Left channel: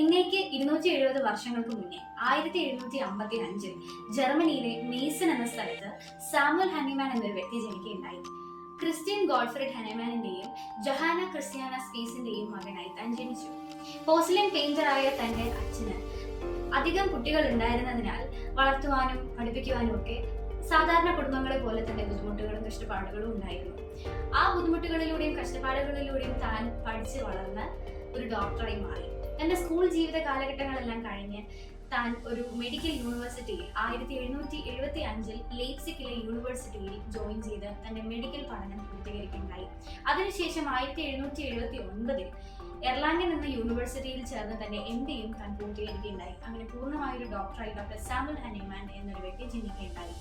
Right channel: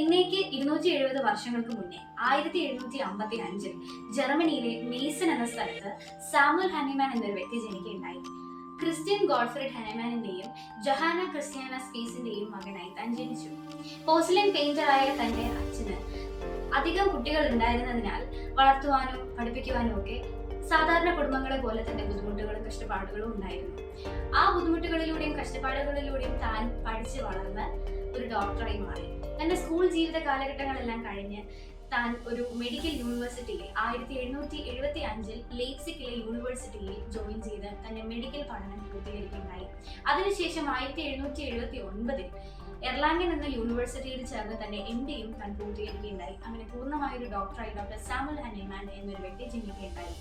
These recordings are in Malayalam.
ഇന്നേക്ക് 270 വർഷങ്ങൾക്ക് മുന്നേ 1755 ജർമ്മനിയിലെ മീസൺ എന്ന സ്ഥലത്ത് സാമുവൽ ഹനിമാൻ എന്നൊരു വ്യക്തി ജനിക്കുകയുണ്ടായി. ക്രിസ്ത്യൻ ഗോഡ്ഫ്രിഡ് ഹനിമാനിന്റെയും ജൊഹാന ക്രിസ്ത്യാന സ്പീസിന്റെയും മകനായി താൻ ജനിച്ചു. പോർസലിൻ പെയിന്ററായ തന്റെ അച്ഛന് അധികം കുട്ടികൾ ഉണ്ടായിരുന്നതിനാൽ വളർത്തുവാനും പഠിപ്പിക്കുവാനും ഒക്കെ സാധാരണ കുടുംബങ്ങളെ പോലെ തന്നെ ബുദ്ധിമുട്ടുകളും കഷ്ടപ്പാടുകളും ഉണ്ടായിരുന്നു. ആ ബുദ്ധിമുട്ടുകളിലൂടെയും കഷ്ടപ്പാടുകളിലൂടെയും താൻ പഠിച്ചു വളർന്ന് ഒരു ഡോക്ടറായി മാറി. തന്റെ സ്കൂൾ ജീവിത കാലഘട്ടങ്ങളെല്ലാം കഴിഞ്ഞ് താൻ ഒരു മെഡിക്കൽ യൂണിവേഴ്സിറ്റിയിൽ 1775 ലെയ്പ്സിഗിലെ യൂണിവേഴ്സിറ്റിയിൽ ജോയിൻ ചെയ്ത് തന്റെ മെഡിക്കൽ പഠനം പൂർത്തീകരിക്കുകയുണ്ടായി. അതിനുശേഷം 1779 എർലാംഗൻ എന്ന യൂണിവേഴ്സിറ്റിയിൽ ചേർന്ന് തന്റെ MDയും താൻ പൂർത്തീകരിക്കുകയുണ്ടായി. അങ്ങനെ പൂർണ്ണമായൊരു ഡോക്ടറായി ഡോക്ടർ സാമുവൽ ഹനിമാൻ എന്നൊരു വ്യക്തി ജനിക്കുകയുണ്ടായി.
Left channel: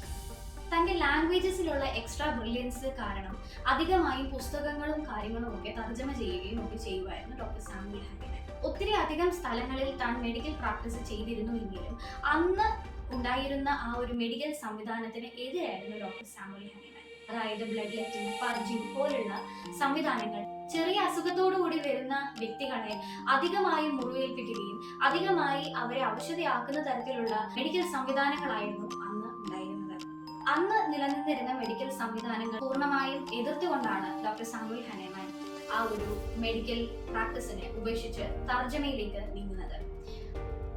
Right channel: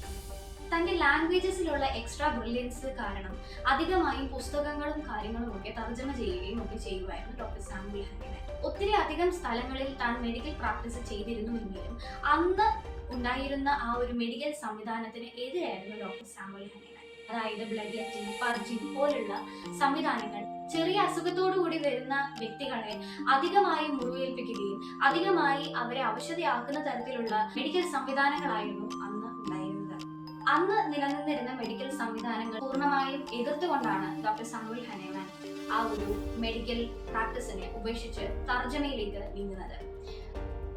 തന്റെ ലാംഗ്വേജസിലുള്ള എക്സ്ട്രാ ബ്രില്യൻസ് കാരണം അധികമായി പുസ്തകങ്ങളും കാര്യങ്ങളും ഒക്കെ തർജ്ജമ ചെയ്യുകയും ഒക്കെ ചെയ്യുമായിരുന്നു ഡോക്ടർ സാമുവൽ ഹനിമാൻ. ഒത്തിരി അധികം സ്ഥലങ്ങളിൽ താൻ മെഡിക്കൽ പ്രാക്ടീസ് ചെയ്തിരുന്നുവെങ്കിലും അന്ന് ഉണ്ടായിരുന്ന ആ ഒരു മെഡിക്കൽ സംവിധാനത്തിന് എതിരായിരുന്നു ഡോക്ടർ സാമുവൽ ഹനിമാൻ. അതായത് ബ്ലഡ് ലെറ്റിംഗ്, പർജിംഗ് പോലുള്ള സംവിധാനങ്ങൾ ചെറിയ അസുഖത്തോടുകൂടി വരുന്ന വ്യക്തികളെ അധികമായി മുറിവേൽപ്പിക്കുകയും അധികമായി അവരെ അവശതയാക്കുന്ന തരത്തിലുള്ള മെഡിക്കൽ സംവിധാനങ്ങളായിരുന്നു അന്ന് നിലനിന്നിരുന്ന മെഡിക്കൽ സംവിധാനങ്ങൾ പൂർണ്ണമായും എതിർത്തുകൊണ്ടാണ് ഡോക്ടർ സാമുവൽ ഹനിമാൻ ആ ഒരു മെഡിക്കൽ പ്രാക്ടീസിനെ ഉപേക്ഷിച്ച് തർജ്ജമയിലേക്ക് നീങ്ങുന്നത്.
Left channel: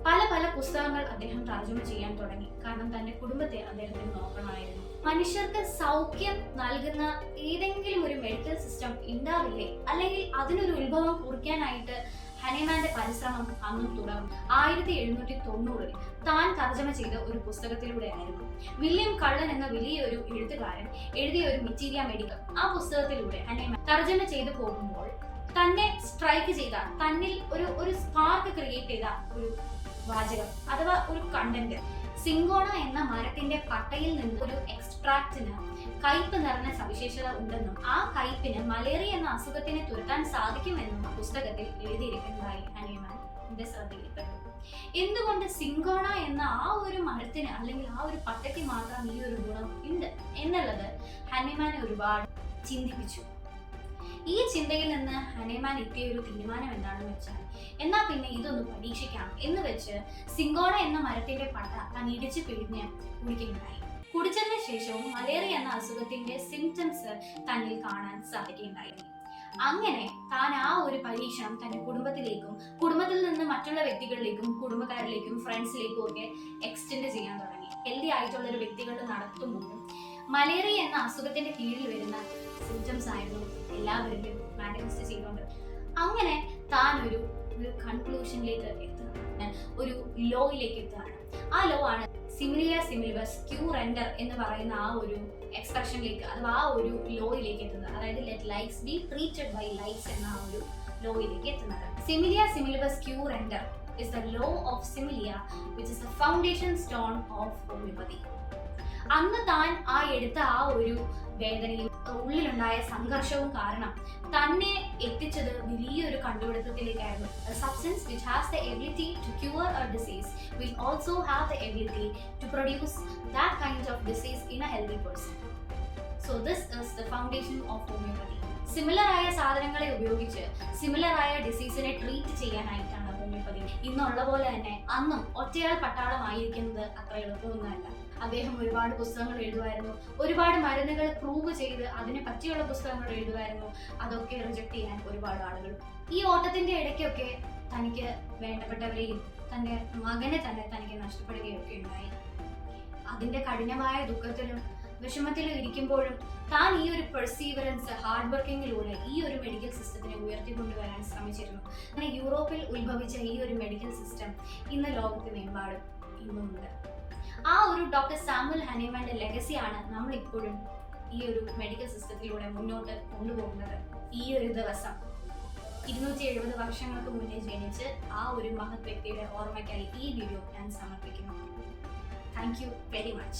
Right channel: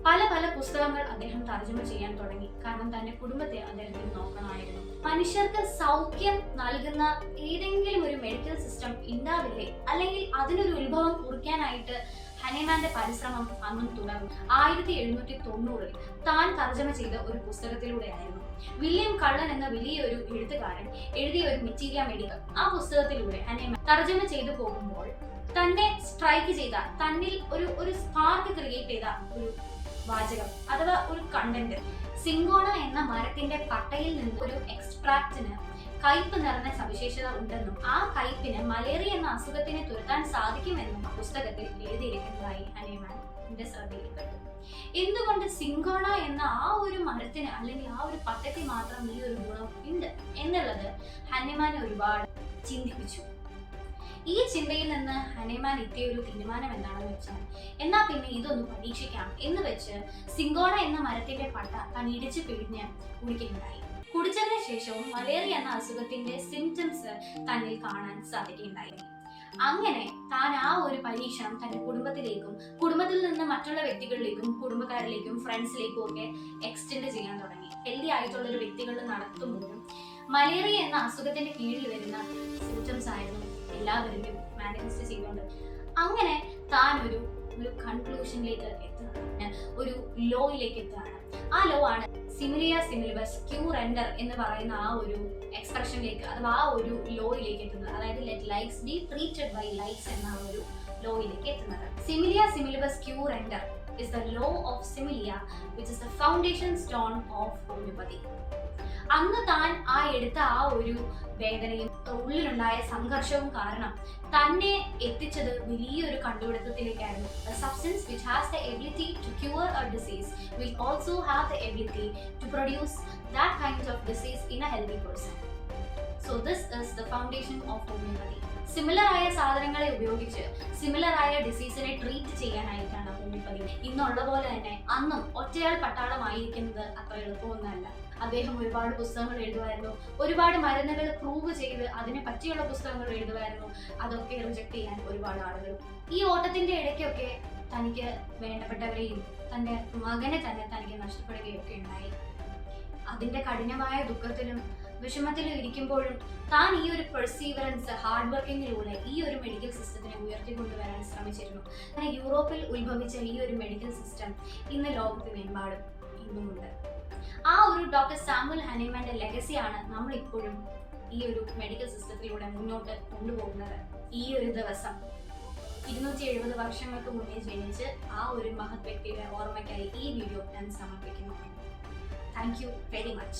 പല പല പുസ്തകങ്ങൾ അദ്ദേഹം തർജ്ജമ ചെയ്യാൻ തുടങ്ങി. കാരണം തന്റെ കുടുംബത്തെ അദ്ദേഹത്തിന് നോക്കണമായിരുന്നു. മനുഷ്യർക്ക് സൗഖ്യം നൽകുന്ന ഏതെങ്കിലും ഒരു മെഡിക്കൽ സിസ്റ്റം ഉണ്ടാവില്ലേ, അല്ലെങ്കിൽ അതിനൊരു ഉത്ഭവം കുറിക്കാനായിട്ട് ഹനിമാന്റെ പരിശ്രമം അന്നും തുടർന്നു. 1790 താൻ തർജ്ജമ ചെയ്ത ഒരു പുസ്തകത്തിലൂടെയായിരുന്നു വില്യം കള്ളൻ എന്ന വലിയൊരു എഴുത്തുകാരൻ എഴുതിയ ഒരു മെറ്റീരിയ മെഡിക്ക. ആ പുസ്തകത്തിലൂടെ ഹനിമാൻ തർജ്ജമ ചെയ്തു പോകുമ്പോൾ തന്നെ സ്ട്രൈക്ക് ചെയ്ത, തന്നിൽ ഒരു സ്പാർക്ക് ക്രിയേറ്റ് ചെയ്ത ഒരു വാചകം അഥവാ ഒരു കണ്ടന്റ്, സിങ്കോണ എന്ന മരത്തിന്റെ പട്ടയിൽ നിന്ന് ഒരു എക്സ്ട്രാക്റ്റിന് കയ്പ് നിറഞ്ഞ സവിശേഷത ഉണ്ടെന്നും ആ കയ്പിന് മലേറിയ എന്ന അസുഖത്തിനെ തുരത്താൻ സാധിക്കുമെന്നും പുസ്തകത്തിൽ എഴുതിയിരിക്കുന്നതായി ഹനിമാന്റെ ശ്രദ്ധയിൽപ്പെട്ടു. എന്തുകൊണ്ട് സിങ്കോണ എന്ന ആ ഒരു മരത്തിന് അല്ലെങ്കിൽ ആ ഒരു പട്ടയ്ക്ക് മാത്രം ഈ ഒരു ഗുണം ഉണ്ട് എന്നുള്ളത് ഹനിമാനെ ഒരുപാട് ചിന്തിപ്പിച്ചു. ഈ ചിന്തയിൽ നിന്ന് ഹനിമാൻ എത്തിയ ഒരു തീരുമാനം എന്താണെന്ന് വെച്ചാൽ, എന്നാ പിന്നെ ഇതൊന്ന് പരീക്ഷിക്കാം എന്ന് വെച്ച് സിങ്കോണ എന്ന മരത്തിന്റെ പട്ട താൻ ഇടിച്ച് പിഴിഞ്ഞ് കുടിക്കുകയുണ്ടായി. കുടിച്ചതിന് ശേഷവും മലേറിയ എന്ന അസുഖത്തിന്റെ സിംറ്റംസ് തന്നിൽ കാണാൻ സാധിക്കുകയുണ്ടായിരുന്നു. അങ്ങനെ താൻ ആ ഒരു പരീക്ഷണം തന്റെ കുടുംബത്തിലേക്കും കുടുംബത്തിൽ നിന്ന് മറ്റുള്ള വ്യക്തികളിലേക്കും കുടുംബക്കാരിലേക്കും ഫ്രണ്ട്സിലേക്കും ഒക്കെ എക്സ്റ്റെൻഡ് ചെയ്യാൻ തുടങ്ങി. ഹെൽത്തി ആയിട്ടുള്ള ഒരു വ്യക്തികളിൽ നടത്തുമ്പോഴും മലേറിയ എന്ന അസുഖത്തിന്റെ കീഴിൽ വരുന്ന സിംറ്റംസ് ആയിരുന്നു എല്ലാവരിലും മാനേജ് ചെയ്തുകൊണ്ട് അങ്ങനെ താൻ ഒരു കൺക്ലൂഷനിലേക്ക് എത്തുകയാണ്, ഒരു ലോയിലേക്ക് എത്തുകയാണ്. ആ ലോ ആണ് സിമിലിയ സിമിലിബസ് ക്യൂ റെൻഡർ എന്ന് പറയുന്ന ആ ഒരു എക്സ്പ്രഷനിലേക്ക് അഥവാ ആ ഒരു ലോയിലേക്ക് എത്തുന്നത്. അതായത് let likes be treated by likes എന്ന ആ ഒരു ലോയിലേക്ക് എത്തുന്നത്. സിമിലിയ സിമിലിബസ് ക്യൂ റെൻഡർ is the law of similia, which is the foundation stone of homeopathy. അന്ന് താൻ എടുത്ത ആ ഒരു വേദനയും ഉള്ളിലുണ്ടായ സംഘർഷവും കാരണം തന്നെ എത്തിച്ചത് വലിയൊരു കണ്ടുപിടുത്തത്തിലേക്കായിരുന്നു. A substance which has the ability to cure a disease will also have the ability to produce that kind of disease in a healthy person. So this is the foundation of homeopathy. Similar ആയ സാധനങ്ങളെ ഉപയോഗിച്ച് സിമിലർ ആയ ഡിസീസിനെ ട്രീറ്റ് ചെയ്യാനായിട്ടാണ് ഹോമിയോപ്പതി. ഇന്നുള്ള പോലെ തന്നെ അന്നും ഒറ്റയാൾ പട്ടാളമായിരിക്കുന്നത് അത്ര എളുപ്പമൊന്നുമല്ല. അദ്ദേഹം ഒരുപാട് പുസ്തകങ്ങൾ എഴുതുമായിരുന്നു, ഒരുപാട് മരുന്നുകൾ പ്രൂവ് ചെയ്ത് അതിനെ പറ്റിയുള്ള പുസ്തകങ്ങൾ എഴുതുമായിരുന്നു. അതൊക്കെ റിജക്ട് ചെയ്യാൻ ഒരുപാട് ആളുകൾ. ഈ ഓട്ടത്തിന്റെ ഇടയ്ക്കൊക്കെ തനിക്ക് വേണ്ടപ്പെട്ടവരെയും തന്റെ മകനെ തന്നെ തനിക്ക് നഷ്ടപ്പെടുകയൊക്കെ ഉണ്ടായി. അതിന്റെ കഠിനമായ ദുഃഖത്തിലും വിഷമത്തിലും ഇരിക്കുമ്പോഴും താൻ ഈ ഒരു പെർസീവറൻസ്, ഹാർഡ് വർക്കിങ്ങിലൂടെ ഈ ഒരു മെഡിക്കൽ സിസ്റ്റത്തിനെ ഉയർത്തിക്കൊണ്ടുവരാൻ ശ്രമിച്ചിരുന്നു. അങ്ങനെ യൂറോപ്പിൽ ഉത്ഭവിച്ച ഈ ഒരു മെഡിക്കൽ സിസ്റ്റം ഇന്ന് ലോകത്തിനെമ്പാടും ഇന്നുമുണ്ട്. ആ ഒരു ഡോക്ടർ സാമുവൽ ഹനിമാന്റെ ലെഗസിയാണ് നമ്മൾ ഇപ്പോഴും ഈ ഒരു മെഡിക്കൽ സിസ്റ്റത്തിലൂടെ മുന്നോട്ട് കൊണ്ടുപോകുന്നത്. ഈ ഒരു ദിവസം 270 വർഷങ്ങൾക്ക് മുന്നേ ജനിച്ച് ആ ഒരു മഹത് വ്യക്തിയുടെ ഓർമ്മയ്ക്കായി ഈ വീഡിയോ ഞാൻ സമർപ്പിക്കുന്നു. Thank you very much.